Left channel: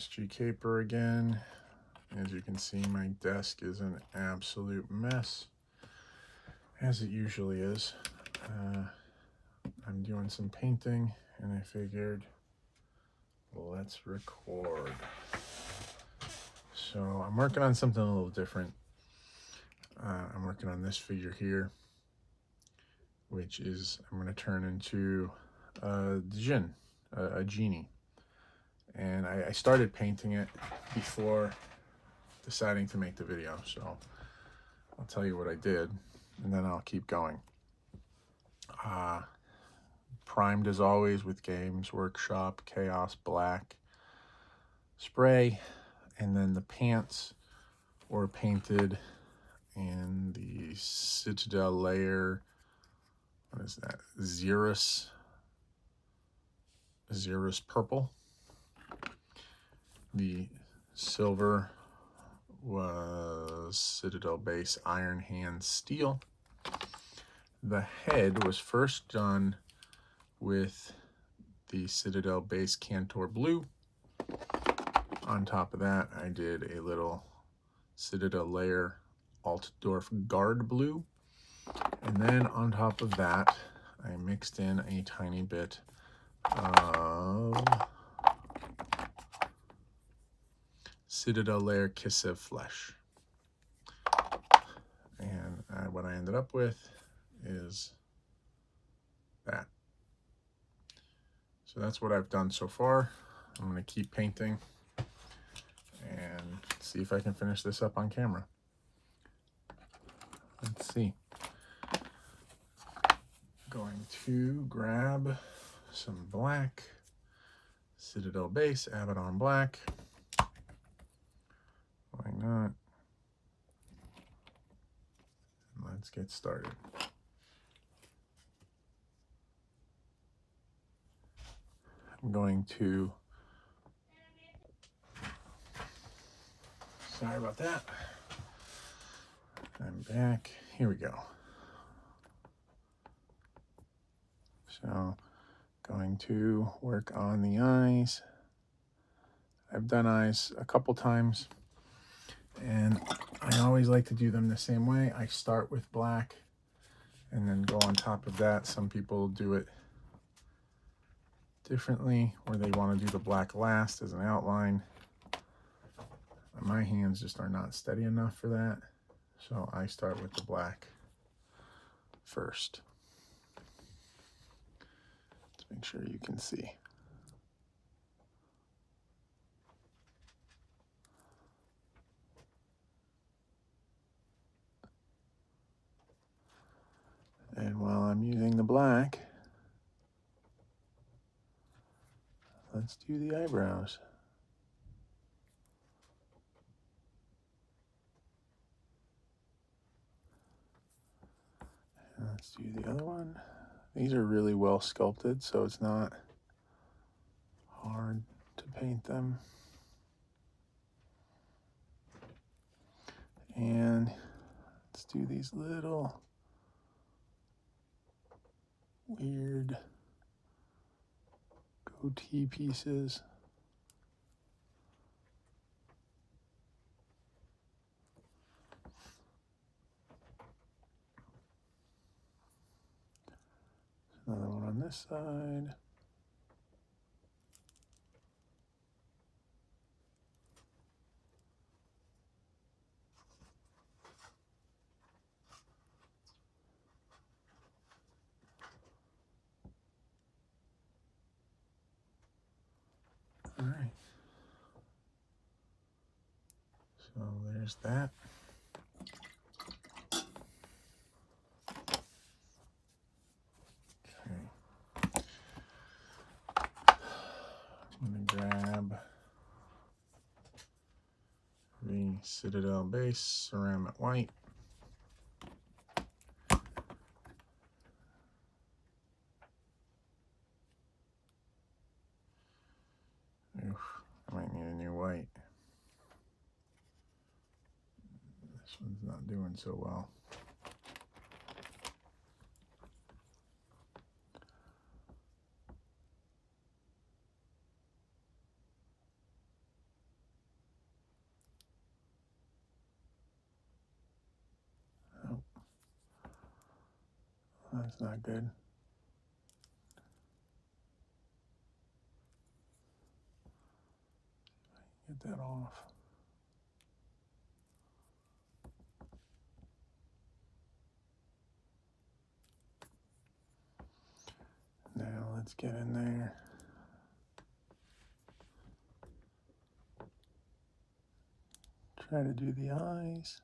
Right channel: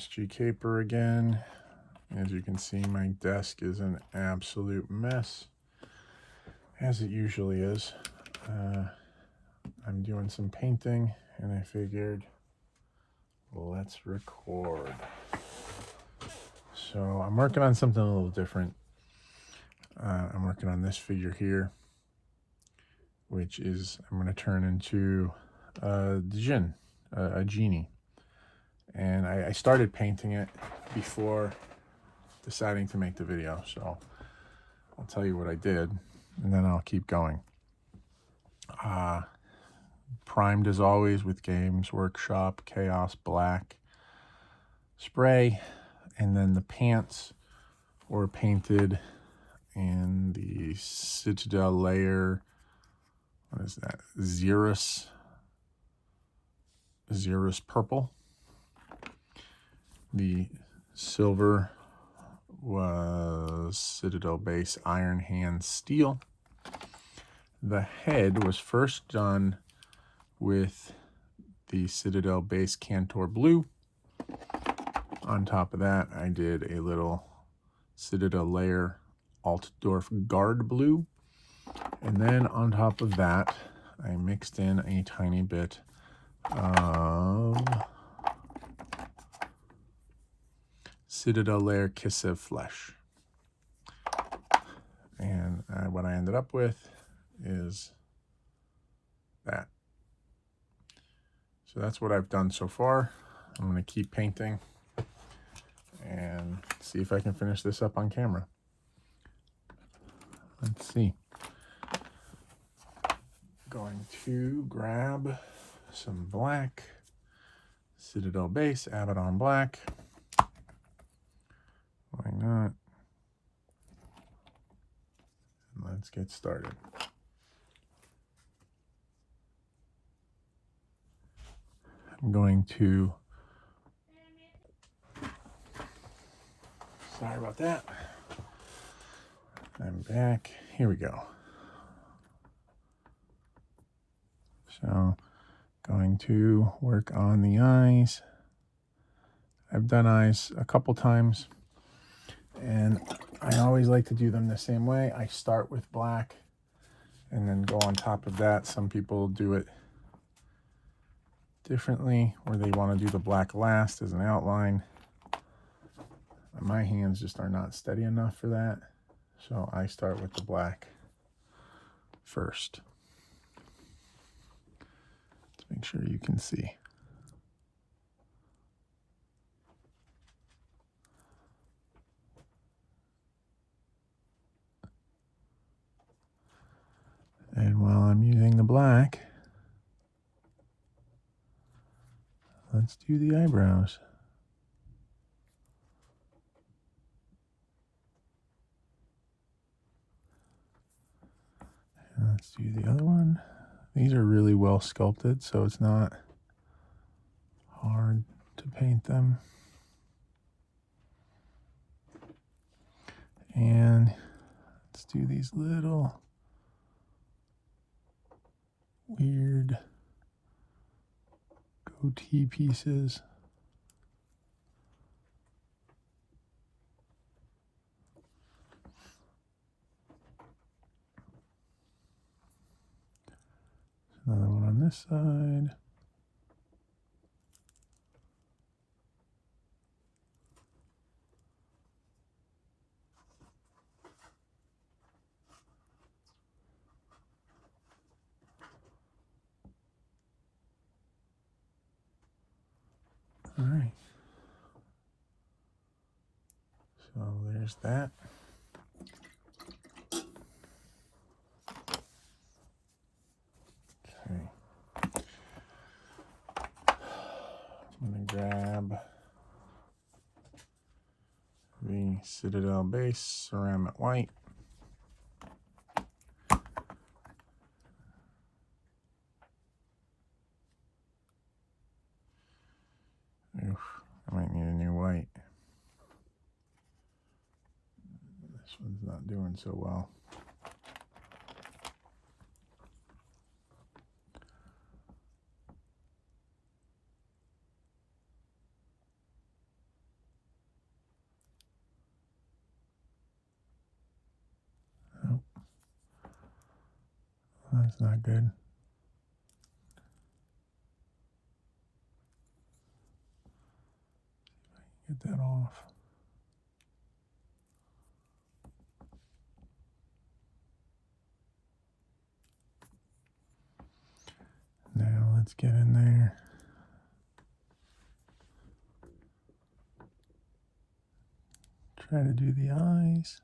MSG Caper again. As you can see, my desk is an absolute mess, as it usually is. I'm doing some painting, and I figured, let's record. So I'm working on something a little different. I'm working on this figure here, which is, I'm going to turn into a Genie. And I started painting it before deciding to make the video, so I'll tell you what I did, and then I'll keep going. Primed as always with Games Workshop Chaos Black spray, and then the pants were painted in the Citadel layer. What is that? Xeris purple. The silver was Citadel base Iron Hand steel. The head was first done with the Citadel base Cantor blue. On top of that, I did a little Citadel layer Altdorf guard blue. And then on top of that, I mixed in a tiny bit of Citadel layer Kissev flesh. And what I ended up with is that. So that's what I've done so far. I'm going to keep painting and see if I can finish this up on camera. Let's see. Going to grab some black, Citadel base, Abaddon black. Why not? And let's get started. I'm going to, sorry about that. I'm back. Here we go. So, going to work on the eyes. I've done eyes a couple times, and I always like to do them the same way. I start with black and then go on top of that. Some people do it differently, where they want to do the black last as an outline. My hands just are not steady enough for that, so I start with the black first. Let's make sure you can see. And while I'm using the black, let's do the eyebrows. And let's do the other one. These are really well sculpted, so it's not hard to paint them. And let's do these little weird goatee pieces. Another one on this side. All right. So there's that. Okay. I'm gonna grab the Citadel base ceramic white. Oof, I might need a new white. This one's not doing so well. That's not good. Get that off. Now let's get in there. Try to do the eyes.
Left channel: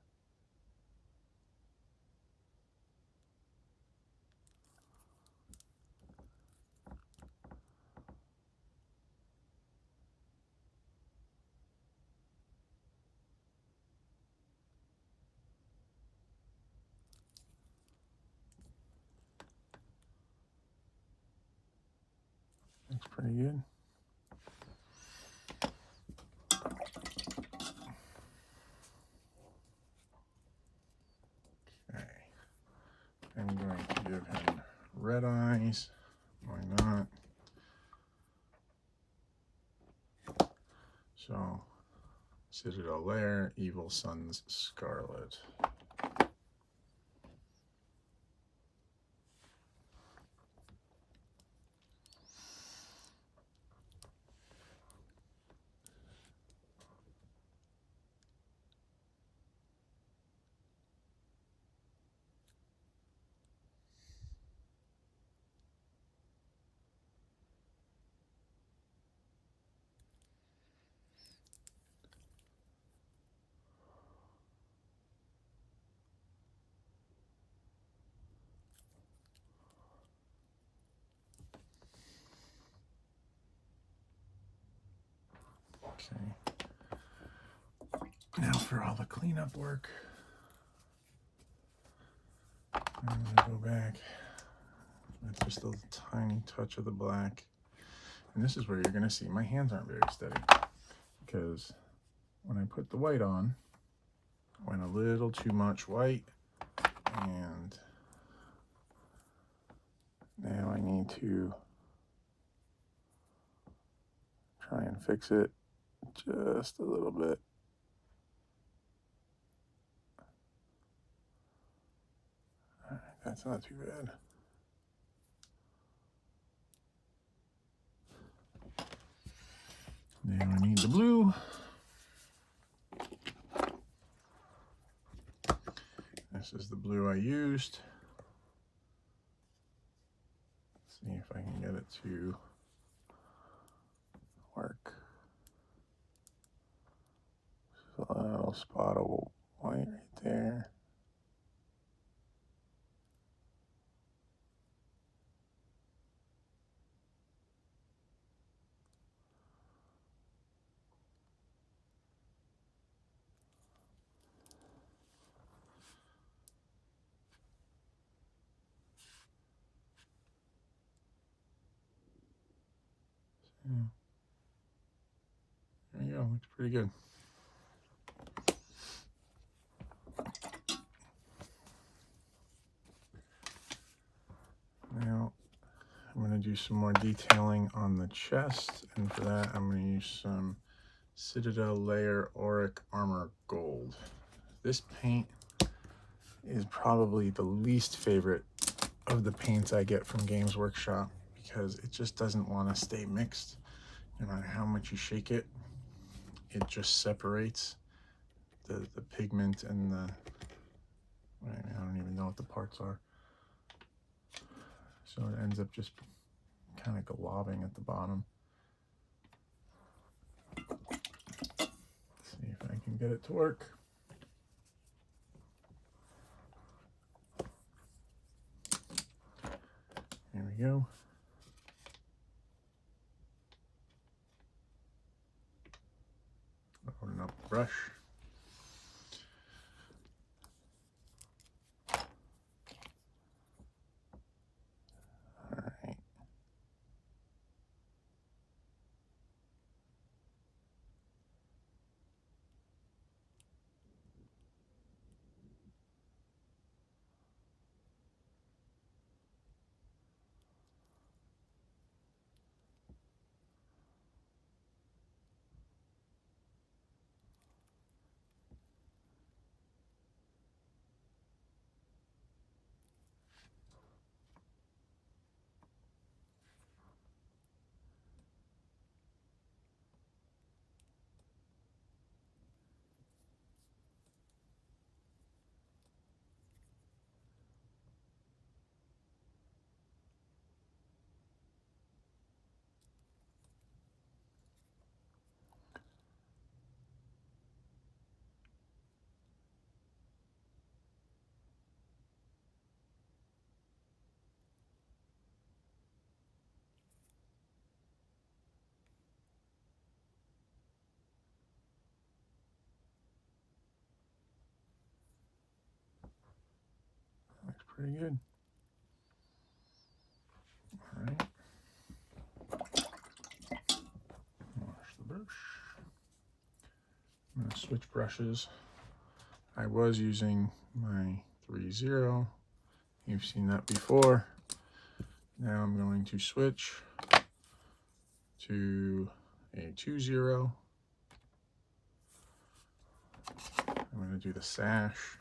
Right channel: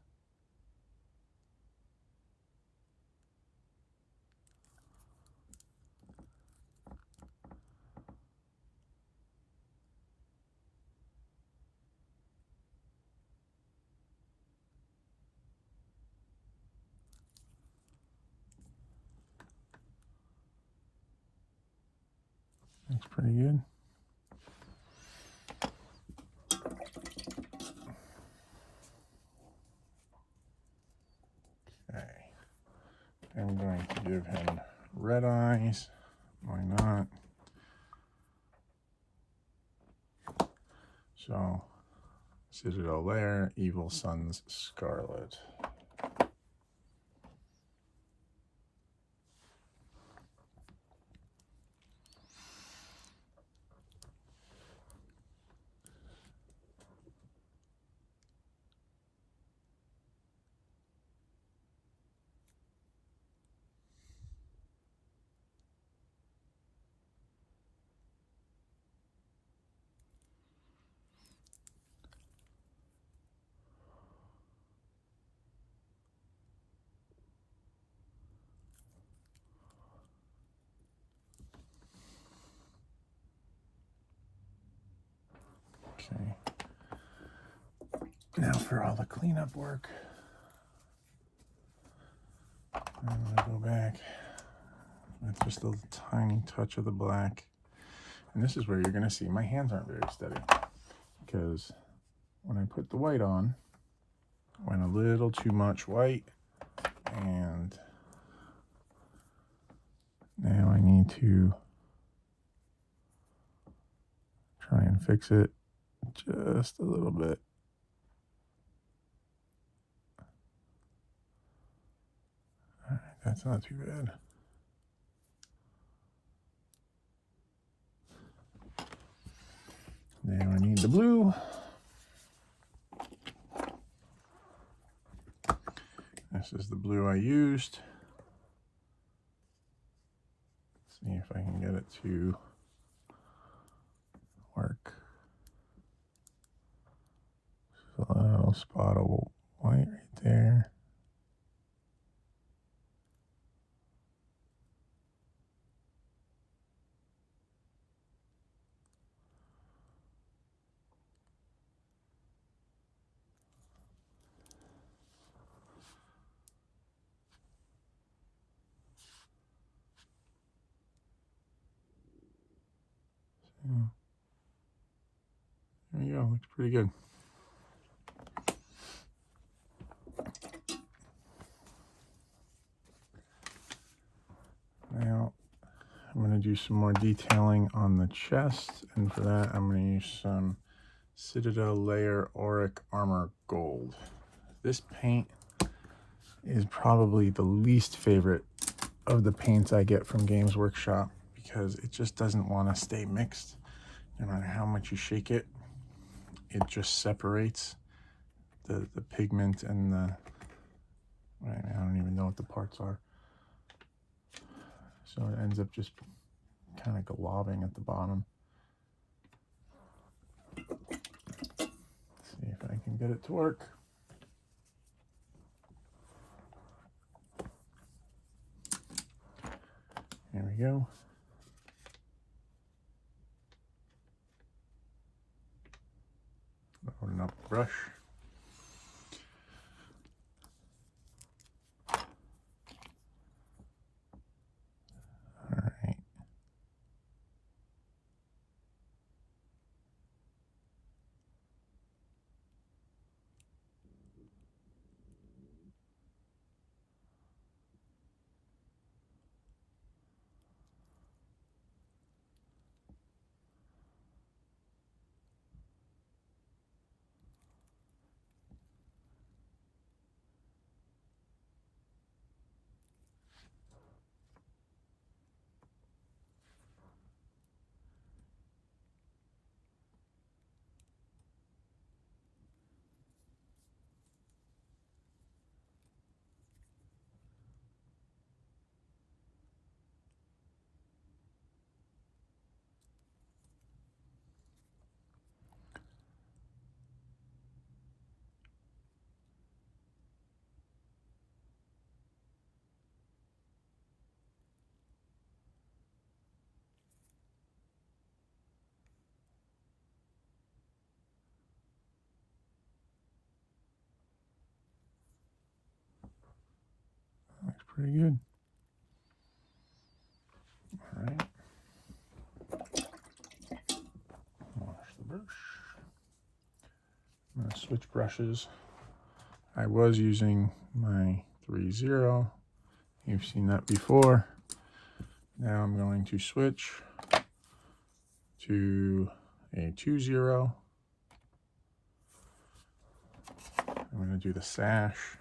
Looks pretty good. Okay. I'm going to give him red eyes. Why not? So, Citadel Lair, Evil Sun's Scarlet. Okay. Now for all the cleanup work. I'm going to go back with just a tiny touch of the black. And this is where you're going to see my hands aren't very steady, because when I put the white on, I went a little too much white, and now I need to try and fix it just a little bit. All right, that's not too bad. Now I need the blue. This is the blue I used. Let's see if I can get it to work. A little spot of white right there. There you go, looks pretty good. Now I'm going to do some more detailing on the chest, and for that I'm going to use some Citadel Layer Auric Armor Gold. This paint is probably the least favorite of the paints I get from Games Workshop, because it just doesn't want to stay mixed. No matter how much you shake it, it just separates the pigment and the, I don't even know what the parts are. So it ends up just kind of globbing at the bottom. Let's see if I can get it to work. There we go. Loading up the brush. Alright. pretty good. All right. Wash the brush. I'm going to switch brushes. I was using my 3-0. You've seen that before. Now I'm going to switch to a 2-0. I'm going to do the sash.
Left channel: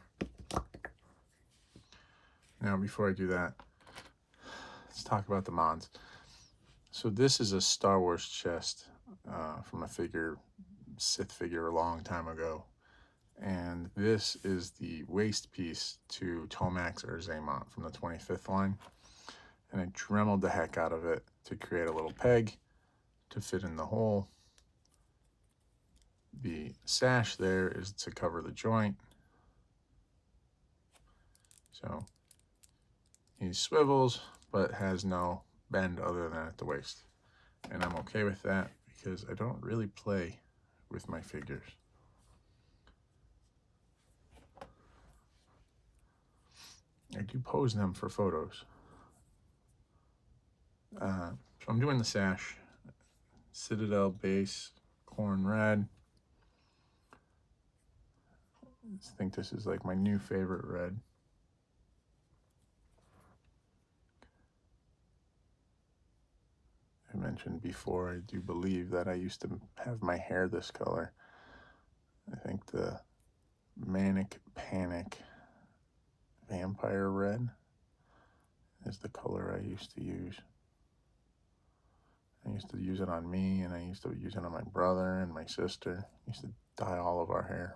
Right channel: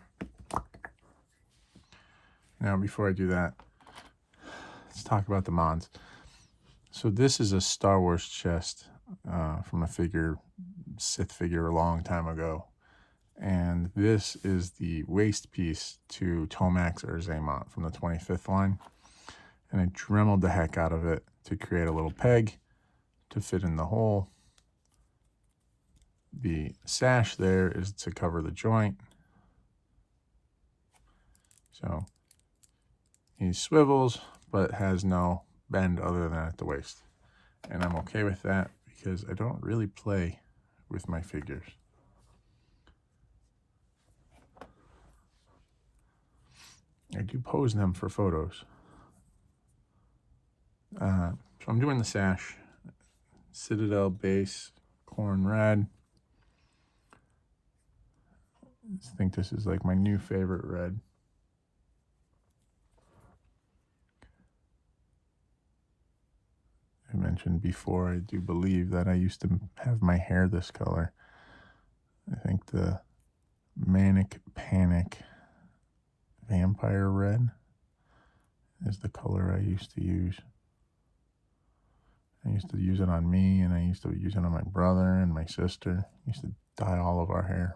Now, before I do that, let's talk about the Mons. So this is a Star Wars chest from a Sith figure a long time ago. And this is the waist piece to Tomax or Zaymont from the 25th line. And I dremeled the heck out of it to create a little peg to fit in the hole. The sash there is to cover the joint. So he swivels, but has no bend other than at the waist. And I'm okay with that because I don't really play with my figures. I do pose them for photos. So I'm doing the sash. Citadel base, corn red. I think this is like my new favorite red. I mentioned before, I do believe that I used to have my hair this color. I think the Manic Panic Vampire Red is the color I used to use. I used to use it on me, and I used to use it on my brother and my sister. I used to dye all of our hair.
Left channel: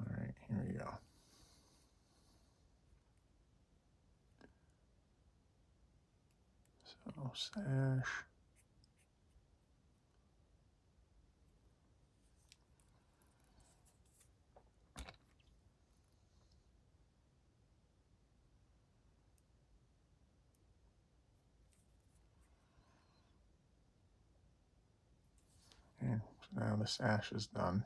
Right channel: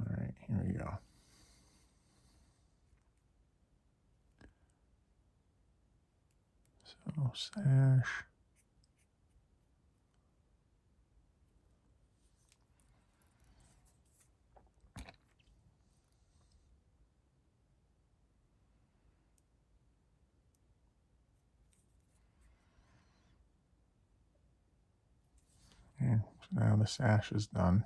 All right, here we go. So sash. And so now the sash is done.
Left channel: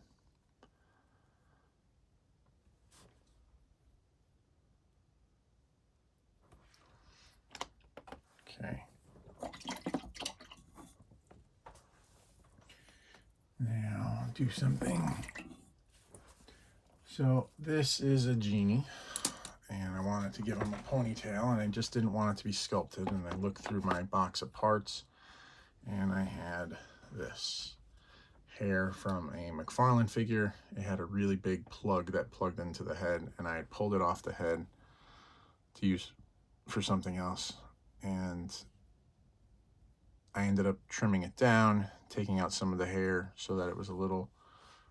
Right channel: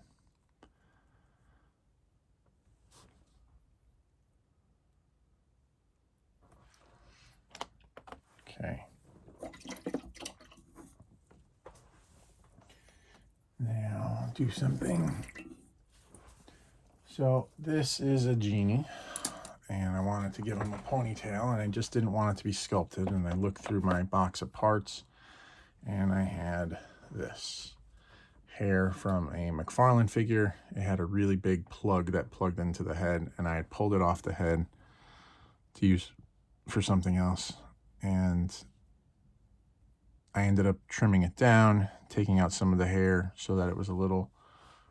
Okay. Now I'll do something. So this is a Genie, and I wanted to give him a ponytail, and I just didn't want it to be sculpted. And I looked through my box of parts, and I had this hair from a McFarlane figure. It had a really big plug that plugged into the head, and I had pulled it off the head to use for something else. And I ended up trimming it down, taking out some of the hair so that it was a little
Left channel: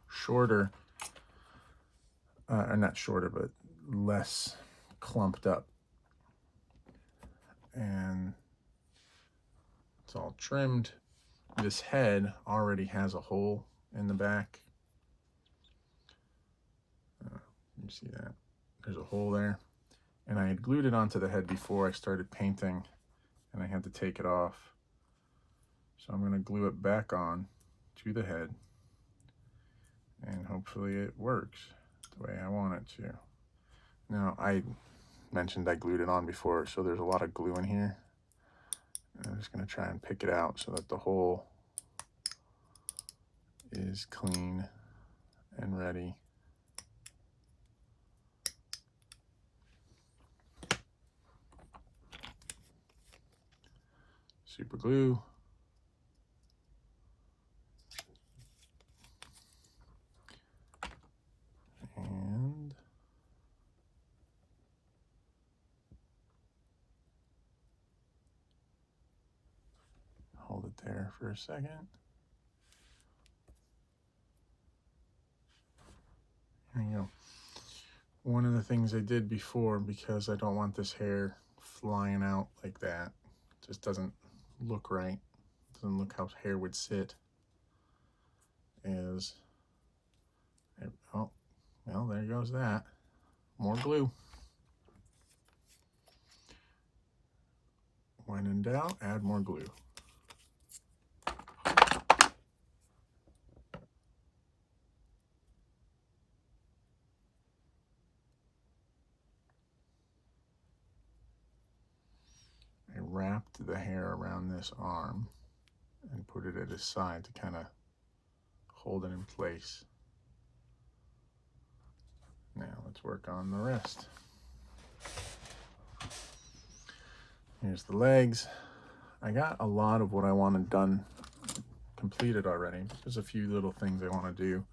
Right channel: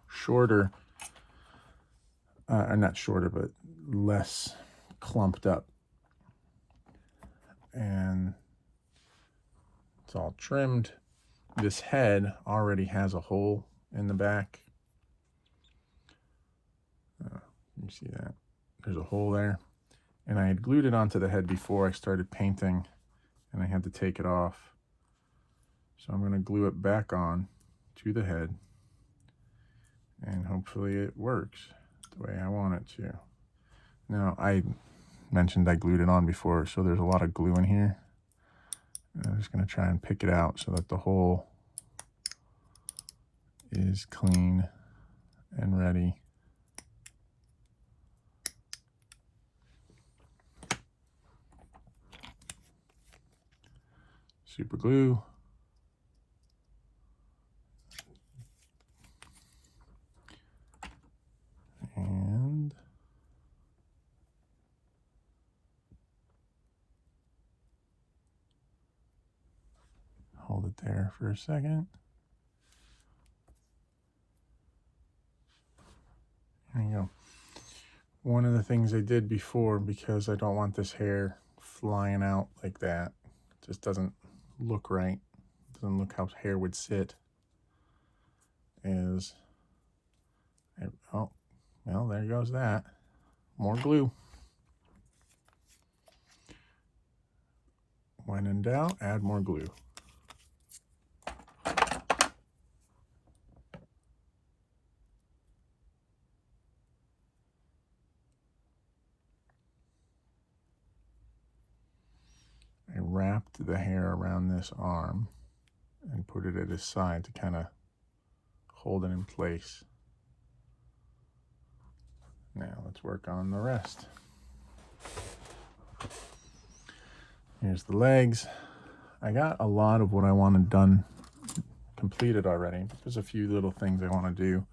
shorter. Not shorter, but less clumped up. And it's all trimmed. This head already has a hole in the back. You see that? There's a hole there. And I had glued it onto the head before I started painting, and I had to take it off. So I'm going to glue it back on to the head, and hopefully it works the way I want it to. Now, I mentioned I glued it on before, so there's a lot of glue in here. And I'm just going to try and pick it out so that the hole is clean and ready. Super glue. And hold it there for a second. There you go. One of the things I did before, because I don't want this hair flying out like that, just doesn't look right, doesn't look how hair would sit, is, oh, well, there goes that. More glue. When in doubt, add more glue. I wrapped the hair around this arm and put it at his side to kind of hold it in place. Now let's work on the rest. Here's the legs. I got a lot of what I wanted done completed already. There's a few little things I want to do.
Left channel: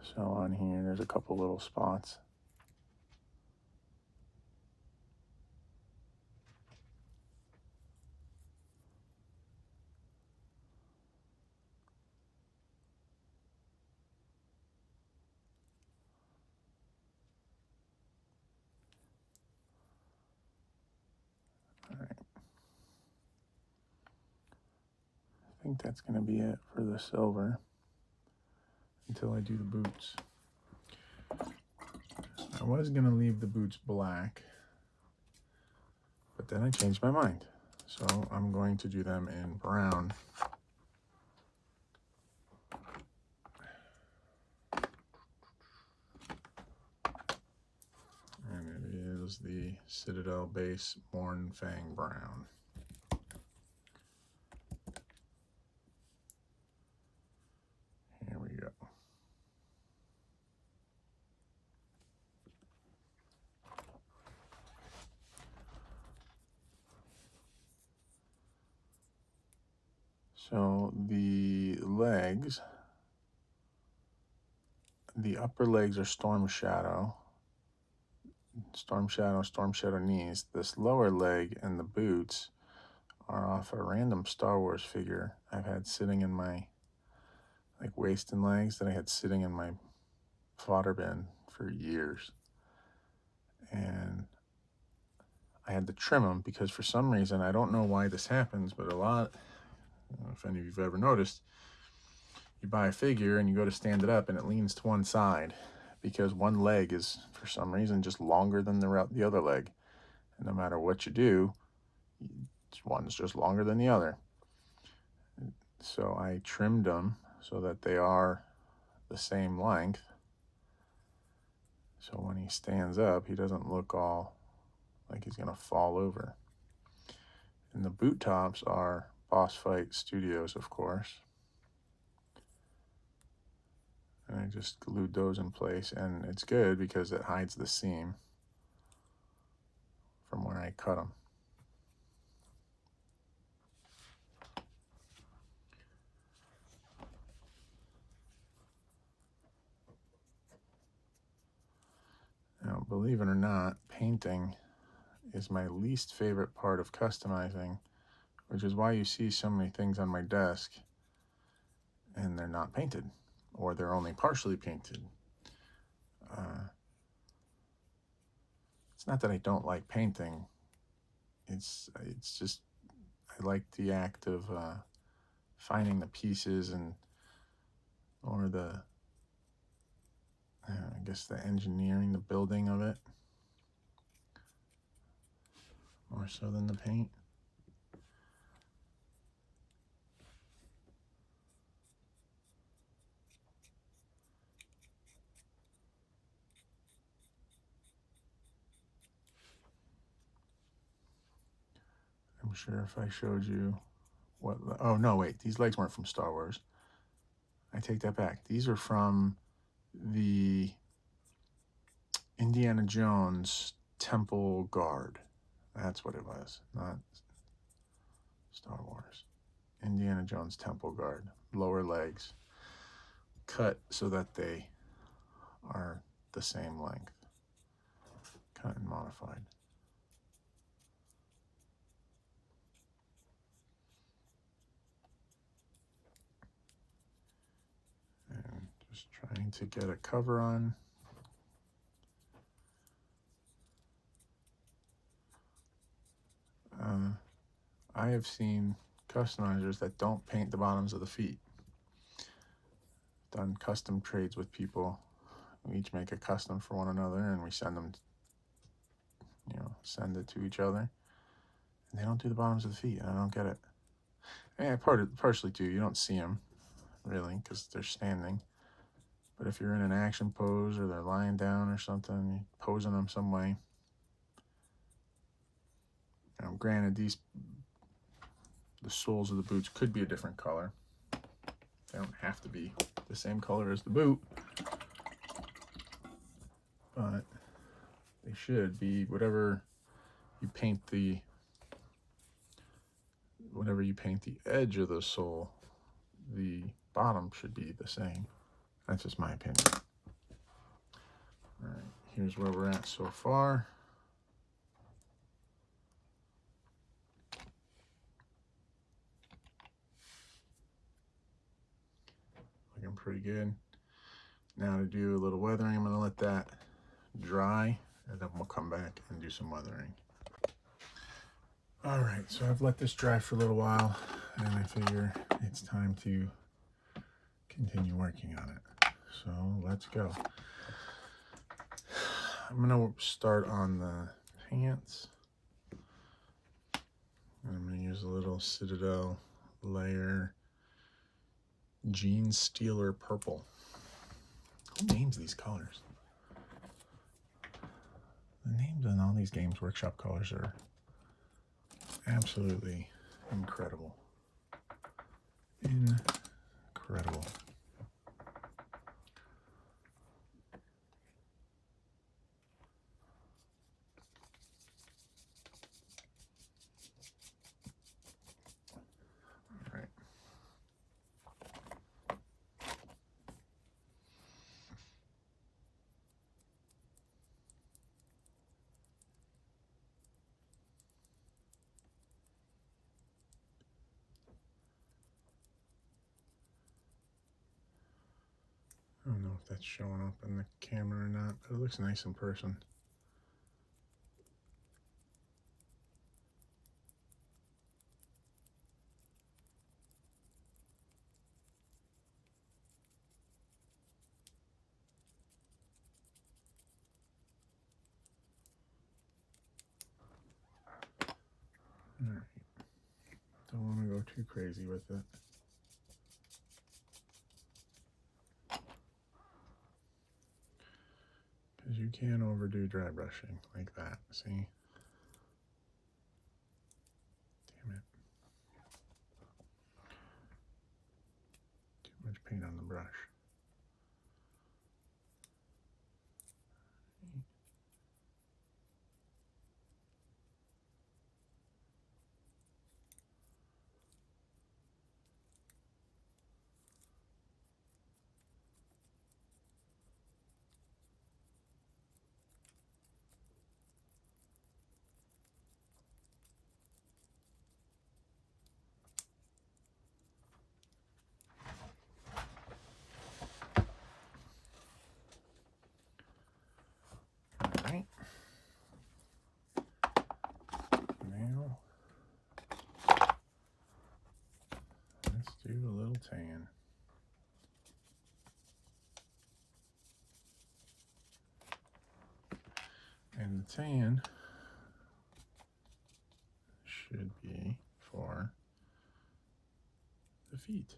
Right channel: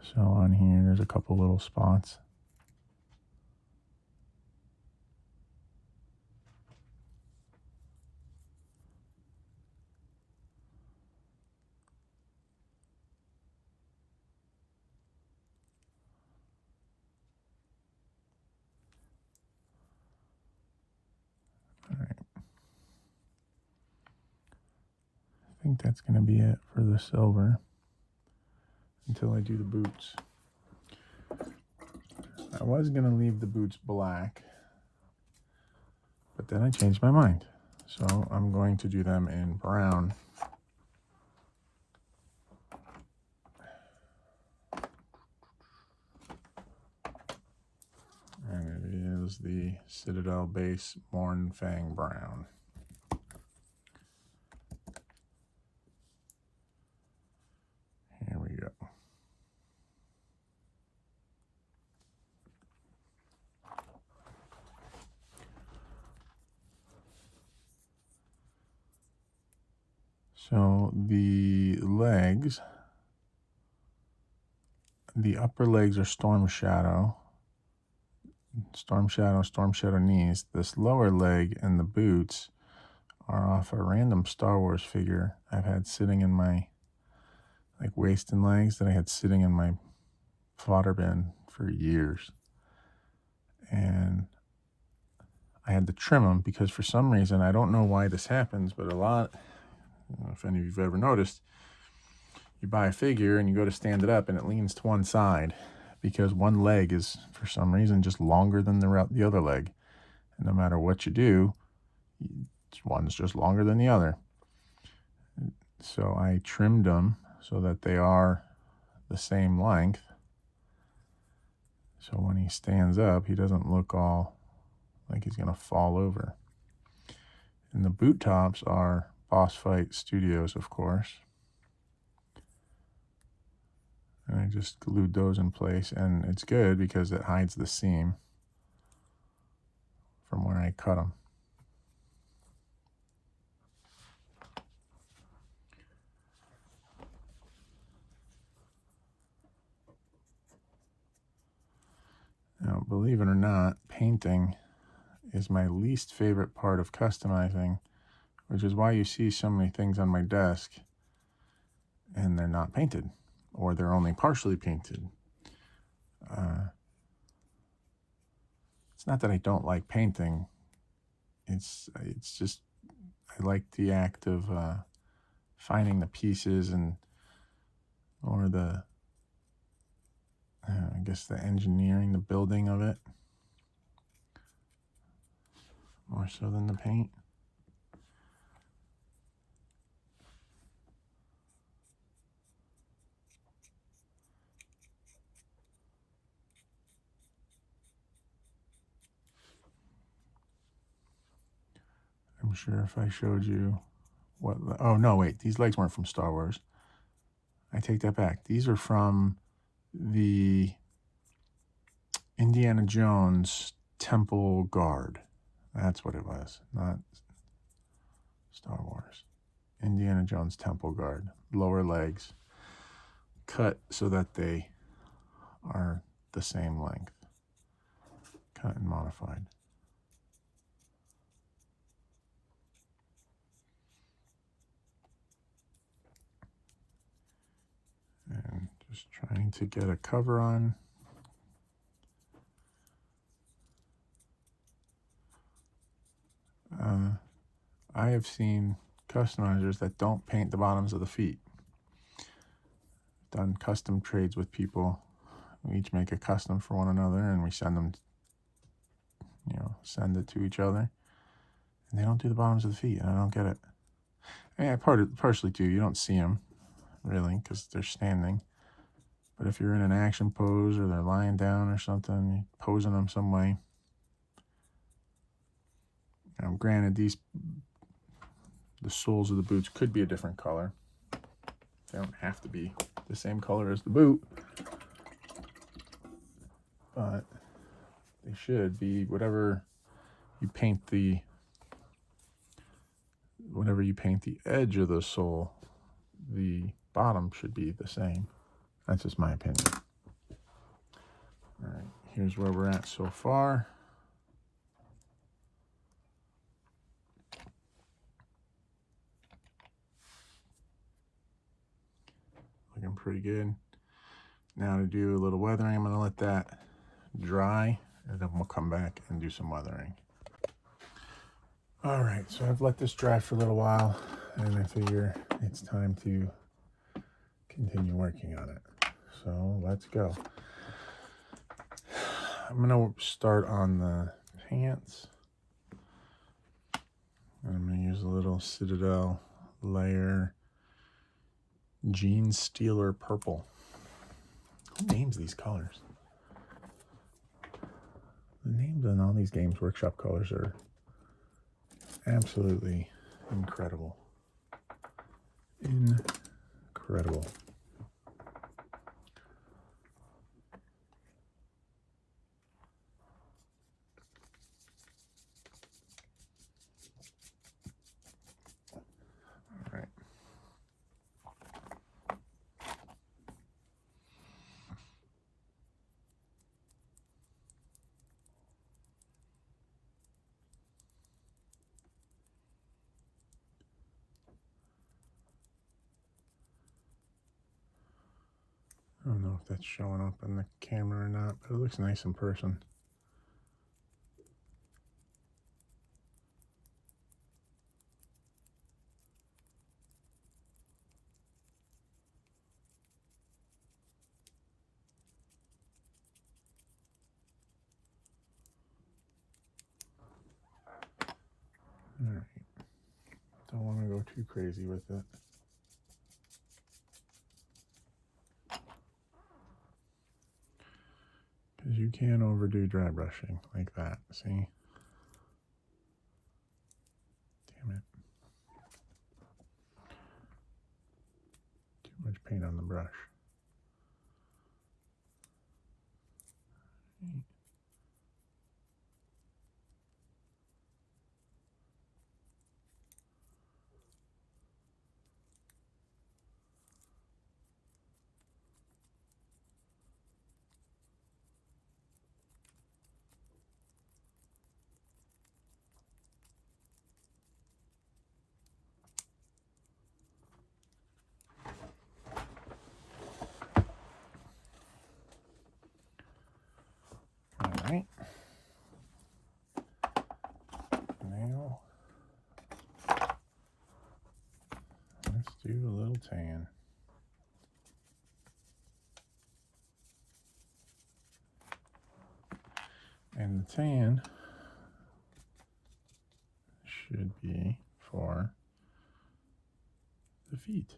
So on here, there's a couple little spots. I think that's going to be it for the silver until I do the boots. I was going to leave the boots black, but then I changed my mind. So I'm going to do them in brown. And it is the Citadel Base Morn Fang Brown. Here we go. So the legs, the upper legs are Storm Shadow, Storm Shadow knees. This lower leg and the boots are off a random Star Wars figure I've had sitting in my waist and legs that I had sitting in my fodder bin for years. And I had to trim them because for some reason, I don't know why this happens, but a lot, if any of you have ever noticed, you buy a figure and you go to stand it up and it leans to one side because one leg is for some reason just longer than the other leg. And no matter what you do, one's just longer than the other. So I trimmed them so that they are the same length. So when he stands up, he doesn't look all like he's going to fall over. And the boot tops are Boss Fight Studios, of course. And I just glued those in place, and it's good because it hides the seam from where I cut them. Now, believe it or not, painting is my least favorite part of customizing, which is why you see so many things on my desk and they're not painted, or they're only partially painted. It's not that I don't like painting. It's just I like the act of finding the pieces or the I guess the engineering, the building of it, more so than the paint. I'm sure if I showed you what, oh no, wait, these legs weren't from Star Wars. I take that back. These are from the Indiana Jones Temple Guard. That's what it was, not Star Wars. Indiana Jones Temple Guard. Lower legs cut so that they are the same length. Cut and modified. And just trying to get a cover on. I have seen customizers that don't paint the bottoms of the feet. Done custom trades with people We each make a custom for one another, and we send them, send it to each other. And they don't do the bottoms of the feet, and I don't get it. Yeah, partially too, you don't see them, really, because they're standing. But if you're in an action pose, or they're lying down or something, you're posing them some way. Granted, the soles of the boots could be a different color. They don't have to be the same color as the boot, but they should be whatever you paint the edge of the sole, the bottom should be the same. That's just my opinion. All right, here's where we're at so far. Looking pretty good. Now to do a little weathering, I'm going to let that dry, and then we'll come back and do some weathering. All right, so I've let this dry for a little while, and I figure it's time to continue working on it. So let's go. I'm going to start on the pants. I'm going to use a little Citadel layer Jean Steeler Purple. Who names these colors? The names on all these Games Workshop colors are absolutely incredible. Incredible. I don't know if that's showing up on the camera or not, but it looks nice in person. All right. Don't want to go too crazy with it. Because you can overdo dry brushing like that, see? Damn it. Too much paint on the brush. Alright. Now, let's do a little tan. And the tan should be for the feet.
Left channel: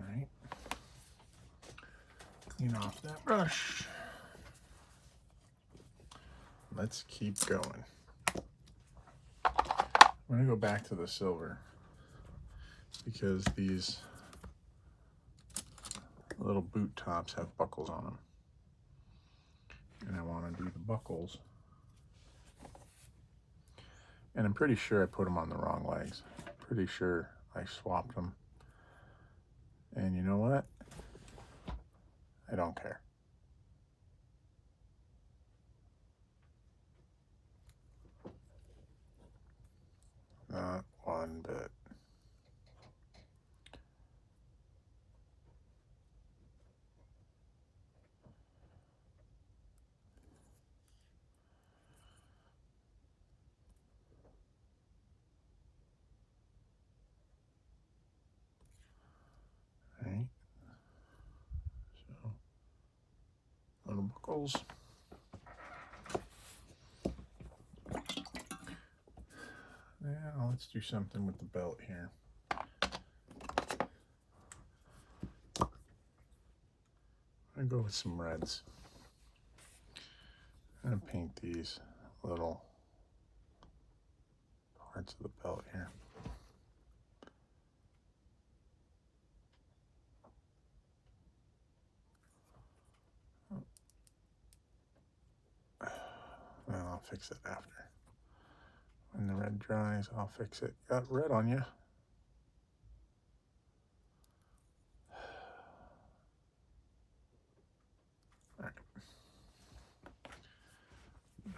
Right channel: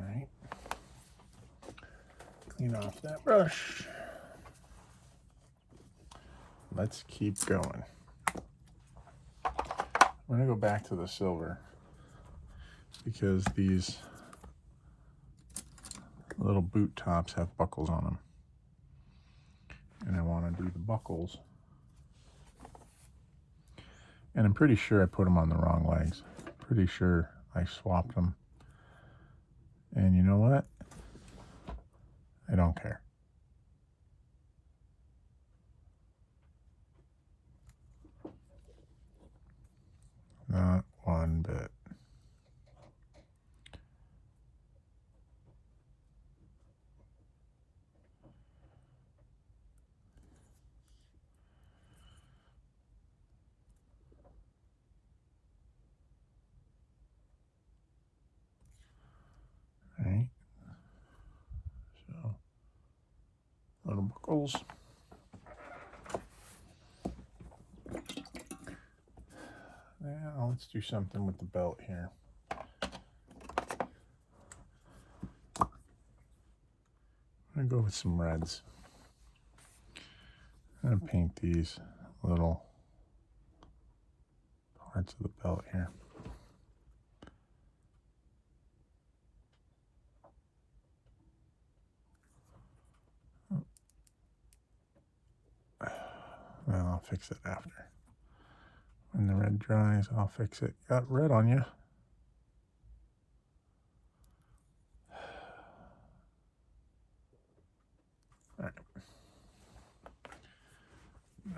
Alright. Clean off that brush. Let's keep going. I'm going to go back to the silver because these little boot tops have buckles on them. And I want to do the buckles. And I'm pretty sure I put them on the wrong legs. Pretty sure I swapped them. And you know what? I don't care. circles. Now let's do something with the belt here. I'm gonna go with some reds. I'm gonna paint these little parts of the belt here. Well, I'll fix it after. When the red dries, I'll fix it. Got red on you. All right.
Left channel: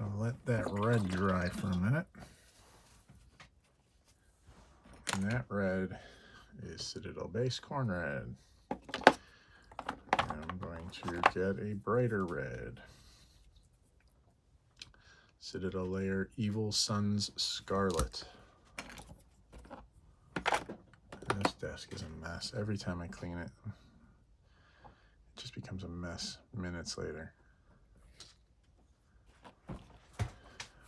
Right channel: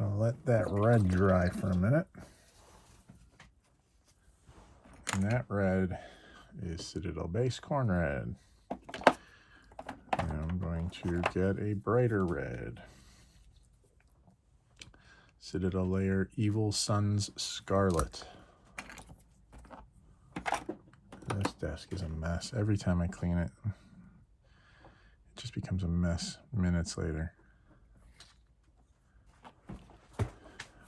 I'll let that red dry for a minute. And that red is Citadel Base Corn Red. And I'm going to get a brighter red. Citadel Layer Evil Sun's Scarlet. This desk is a mess. Every time I clean it, it just becomes a mess minutes later.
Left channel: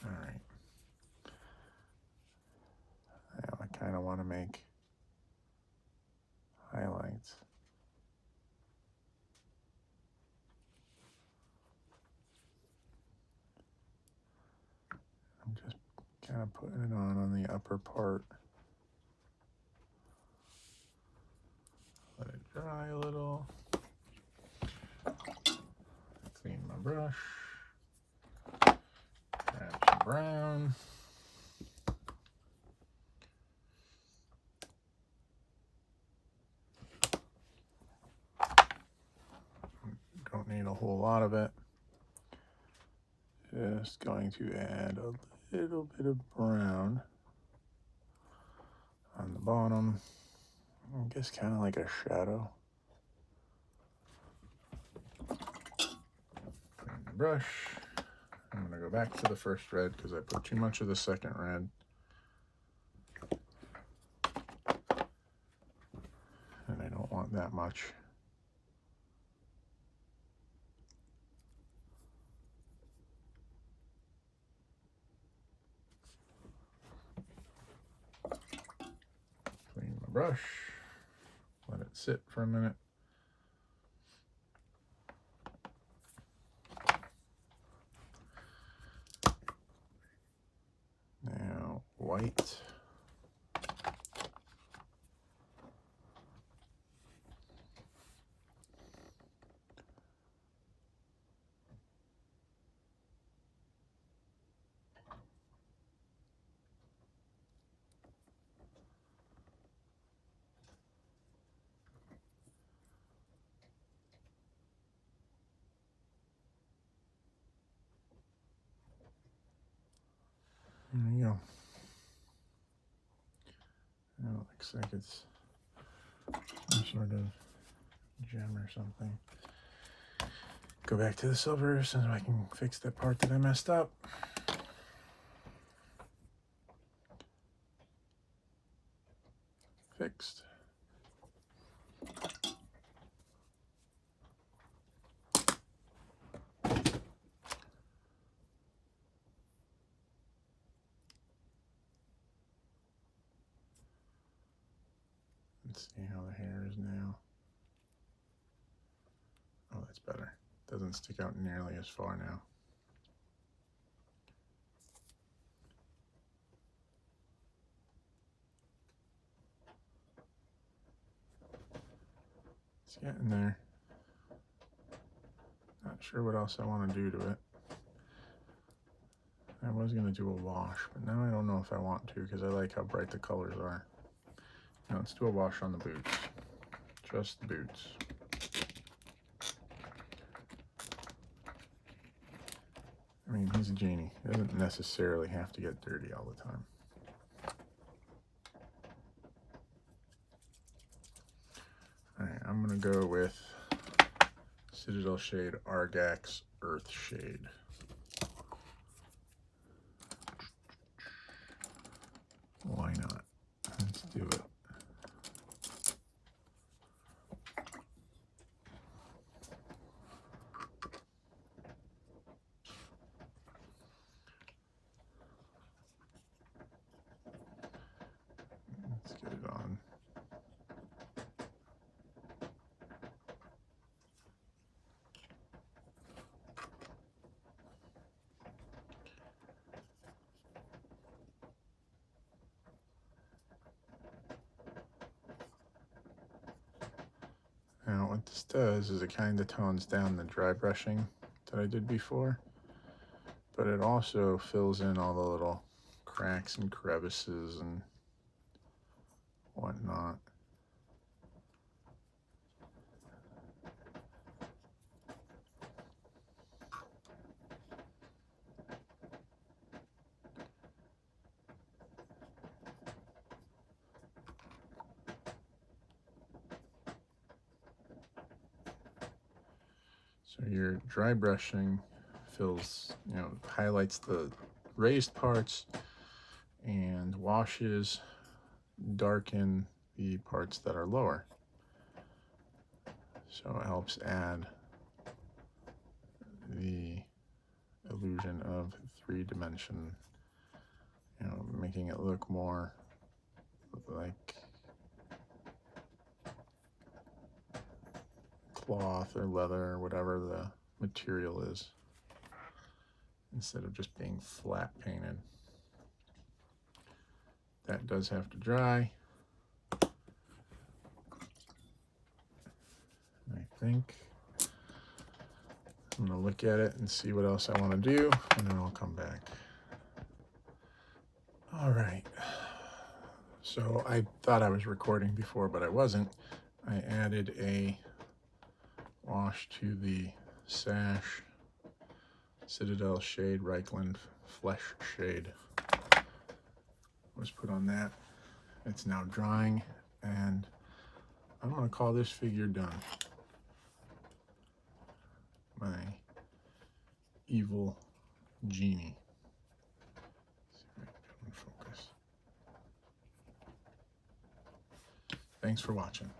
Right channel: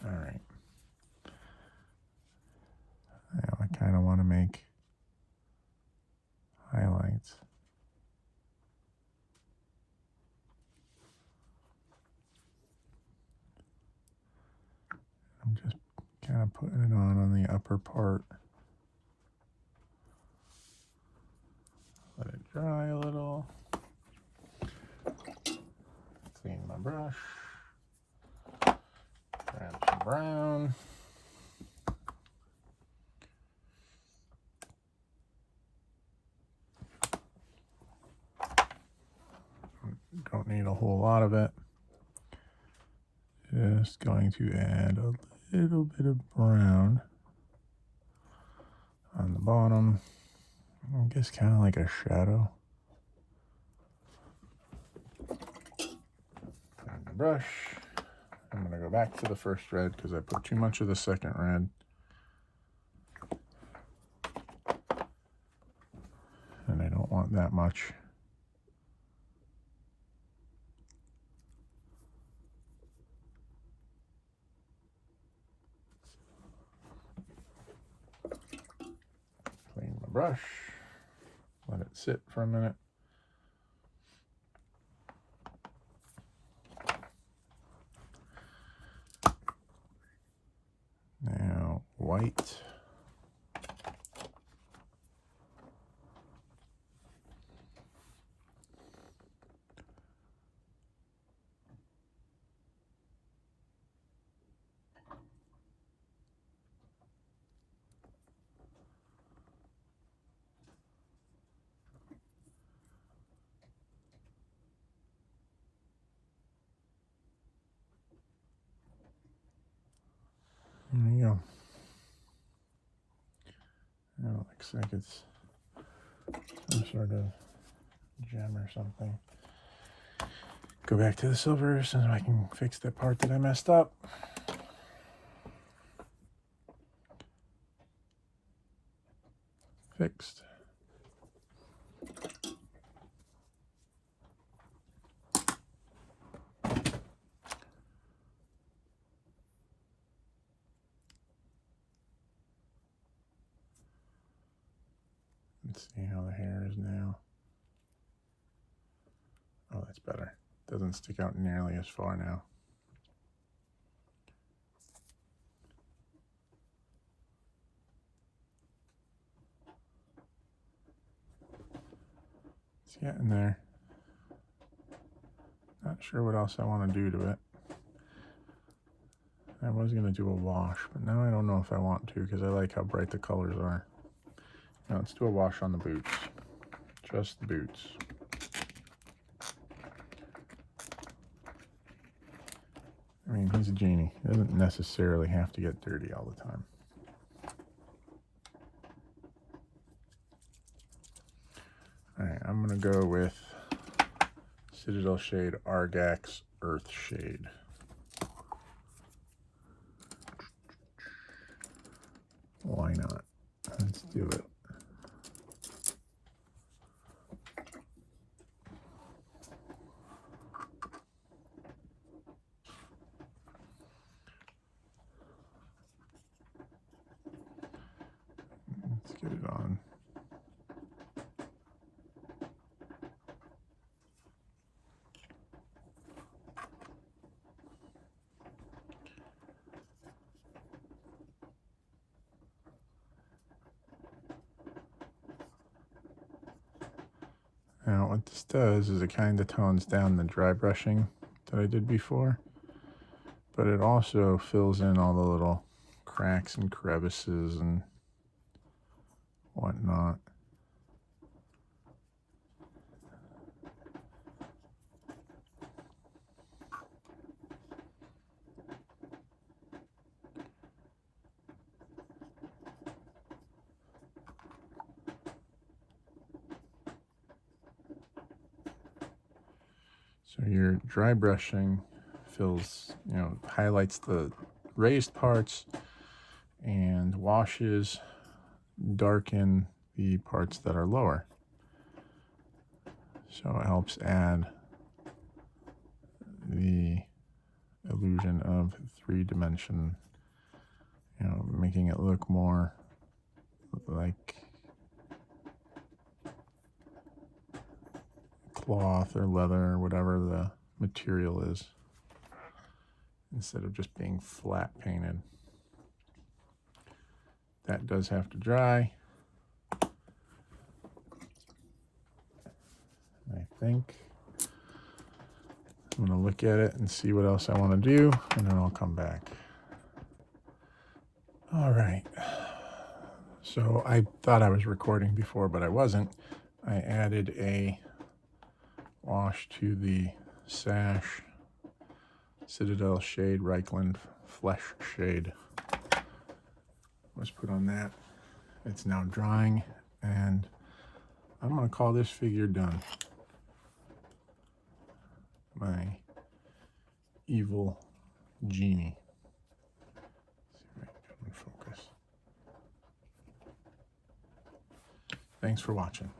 Alright. Now I kind of want to make highlights. I'm just kind of putting it on the upper part. Let it dry a little. Clean my brush. Grab some brown. Don't need a whole lot of it. Just going to add a little bit of brown on the bottom. I guess kind of like a shadow. Clean the brush. I'm going to go back to the first red because I put too much of the second red. And I don't want that much. Clean my brush. Let it sit for a minute. Now, white. There you go. Now it looks like it's some sort of gem or something. Go back to the silver so I can fix that part that I messed up. Fixed. Let's see how the hair is now. Oh, that's better. Doesn't stick out nearly as far now. It's getting there. Not sure what else I want to do to it. I was going to do a wash, but now I don't know if I want to because I like how bright the colors are. Now let's do a wash on the boots. Just the boots. I mean, he's a genie. He doesn't necessarily have to get dirty all the time. Alright, I'm going to go with Citadel Shade Argax Earth Shade. Why not? Let's do it. Now what this does is it kind of tones down the dry brushing that I did before, but it also fills in all the little cracks and crevices and whatnot. So your dry brushing fills, highlights the raised parts and washes, darken the parts that are lower. So it helps add the illusion of three-dimension, making it look more like cloth or leather or whatever the material is, instead of just being flat painted. That does have to dry. I think I'm going to look at it and see what else I want to do, and then I'll come back. All right. So I thought I was recording before, but I wasn't. I added a wash to the sash, Citadel shade, Reichland flesh shade. Let's put on that. It's now drying, and I'm going to call this figure done. My evil genie. Focus. Thanks for watching.